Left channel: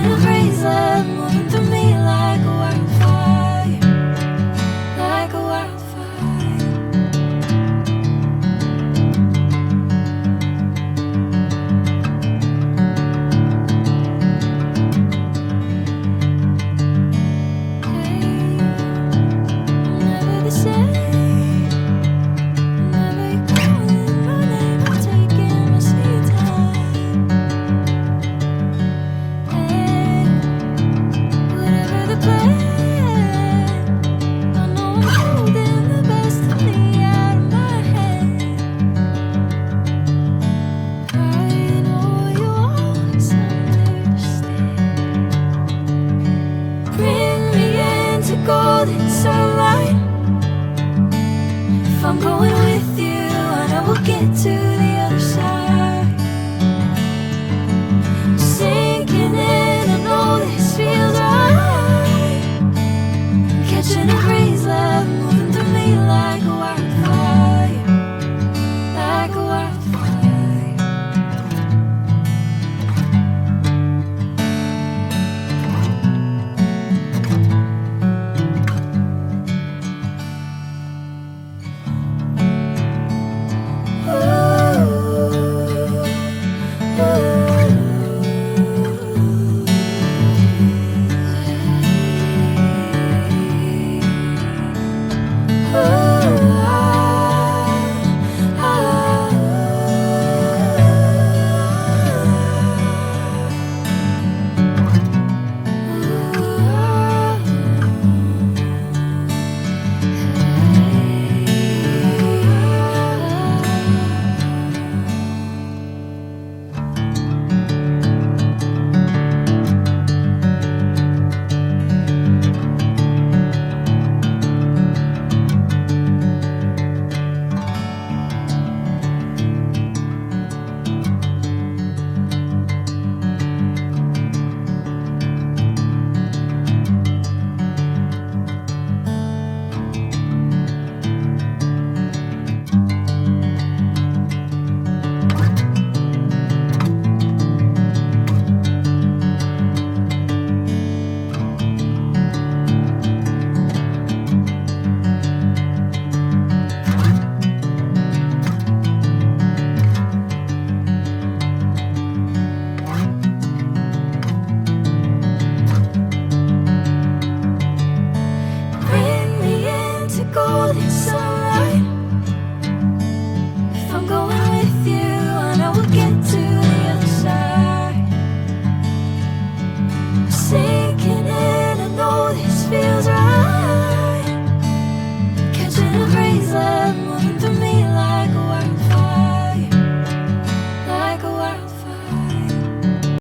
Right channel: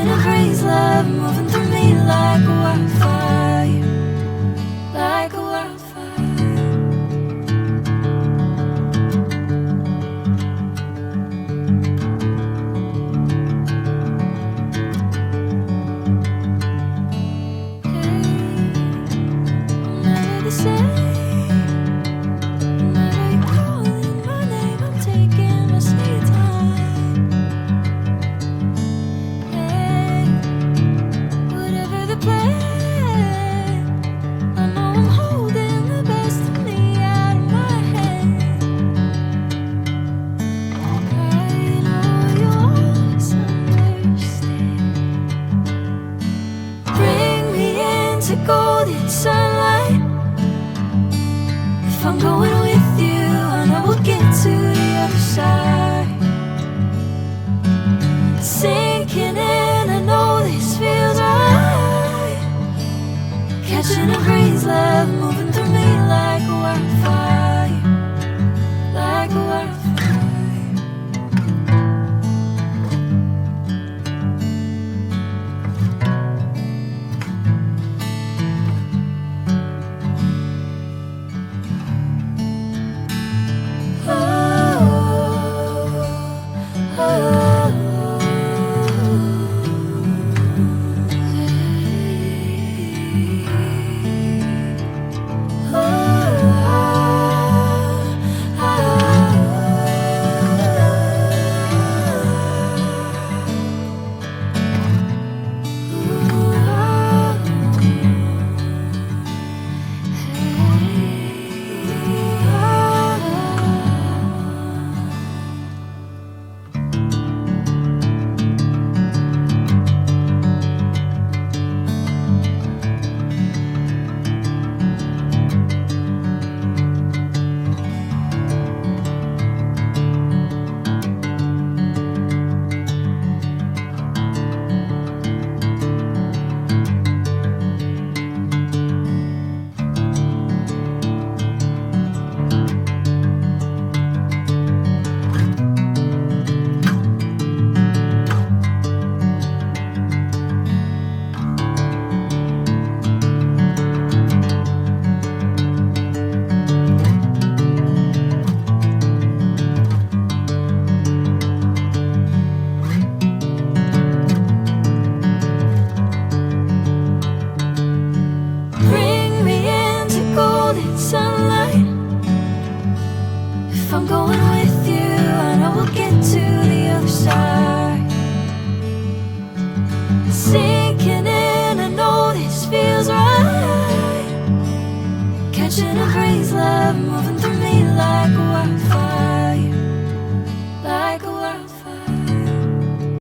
Catching a breeze, love moving through me like a wildfire, like a wildfire. Hey, I'm never the same. Whenever you're calling my name, I'm taking my sweet time. Hey, whatever the plan, I know I'm holding the best of me out of my hand. I know you always understand. Bring me into golden sunlight. If I'm going with you, I know we'll get to the other side. Sinking in, I know this feels right. Catching a breeze, love moving through me like a wildfire, like a wildfire. Bring me into golden sunlight. If I'm going with you, I know we'll get to the other side. Sinking in, I know this feels right. Catching a